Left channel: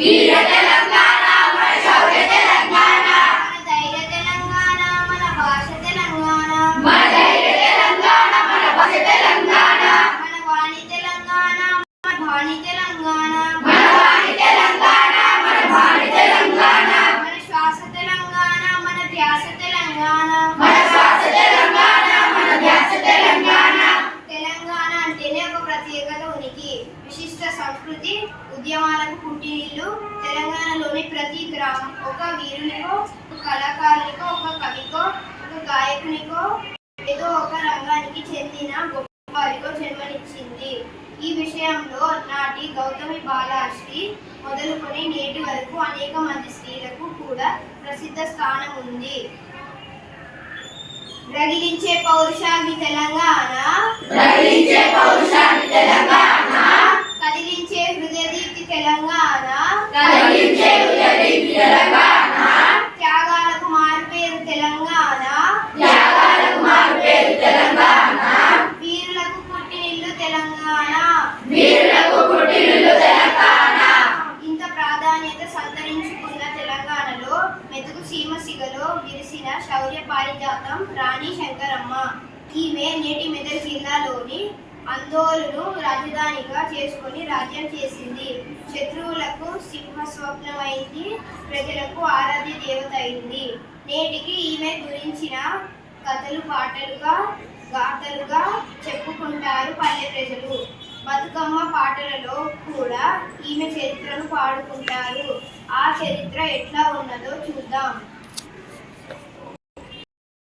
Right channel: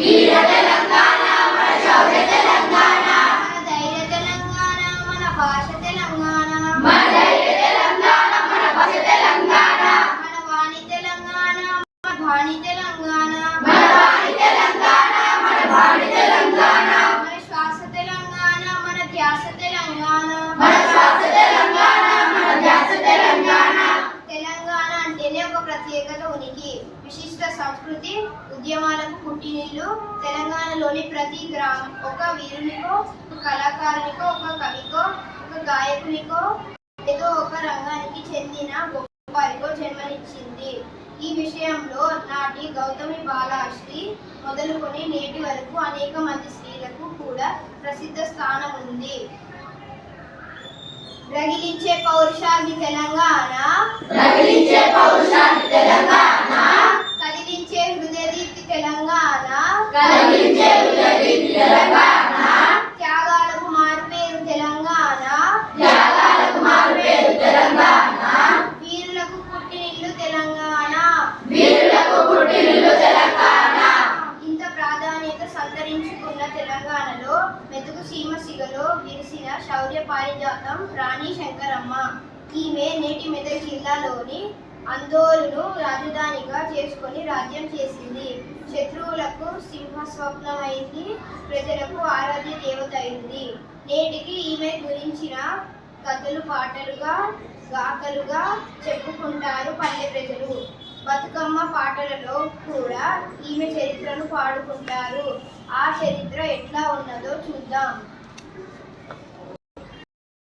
వీర తెలంగాణ మన శౌర్య తెలంగాణ మన ధైర్య తెలంగాణ మన భాష తెలంగాణ మన ధైర్య తెలంగాణ మన భాష తెలంగాణ మన వాణి తెలంగాణ మన భాణి తెలంగాణ మన వాణి తెలంగాణ మన భాణి తెలంగాణ మన శ్వాస తెలంగాణ మన ధ్యాస తెలంగాణ మన శ్వాస తెలంగాణ మన ధ్యాస తెలంగాణ తెలంగాణ అంటేనే ఒక ప్రత్యేకత ఉనికి విశిష్ట సంస్కృతి ఉద్యమాలకు పుట్టినిల్లు తెలంగాణలోని ప్రతి గ్రామం ఒక వీరునికో ఒక కళాకారునికో ఒక కవికో ఒక గాయకునికో ఏదో ఒక రంగానికి చెందిన గొప్ప వారికో జన్మనిచ్చింది. ఈ విషయంలో నాటి గౌతమి బాలశ్రీ మొదలుకొని నేటి వరకు అనేక మంది స్త్రీలకు కూడా ప్రసిద్ధ స్థానం ఉంది. రగిలించే పౌరుషాన్ని తెలంగాణ రగిలించే పౌరుషాన్ని తెలంగాణ కదిలించే హృదయదీప్తి తెలంగాణ కలిగించే ఉదయదీప్తి తెలంగాణ త్యాగాలకు మారుపేరు తెలంగాణ త్యాగాలకు మారుపేరు తెలంగాణ వీరులకు పుట్టినిల్లు తెలంగాణ వీరులకు పుట్టినిల్లు తెలంగాణ ఇంత ప్రాధాన్యత సంతరించుకున్న తెలంగాణలో మెతుకు సీమ సిగలో విరిసిన శౌర్య పారిజాతం రాణి శంకరమ్మ. ఈమె నేటి మెదక్ జిల్లాలోని అందోలును రాజధానిగా చేసుకొని రాజ్యం చేసింది. శత్రువులకు సింహస్వప్నమైంది, ప్రజలకు ఆరాధ్య దేవత అయింది. నేటికి ఈమె గురించిన కథలు పాటలుగా గాథలుగా చెప్పుకుంటారు పల్లె ప్రజలు. బతుకమ్మ పాటలలో కూడా ఈమె చరిత్రను పాడుకుంటారు. ఆ చరిత్ర ఎట్లా ఉన్నదో చూద్దాం.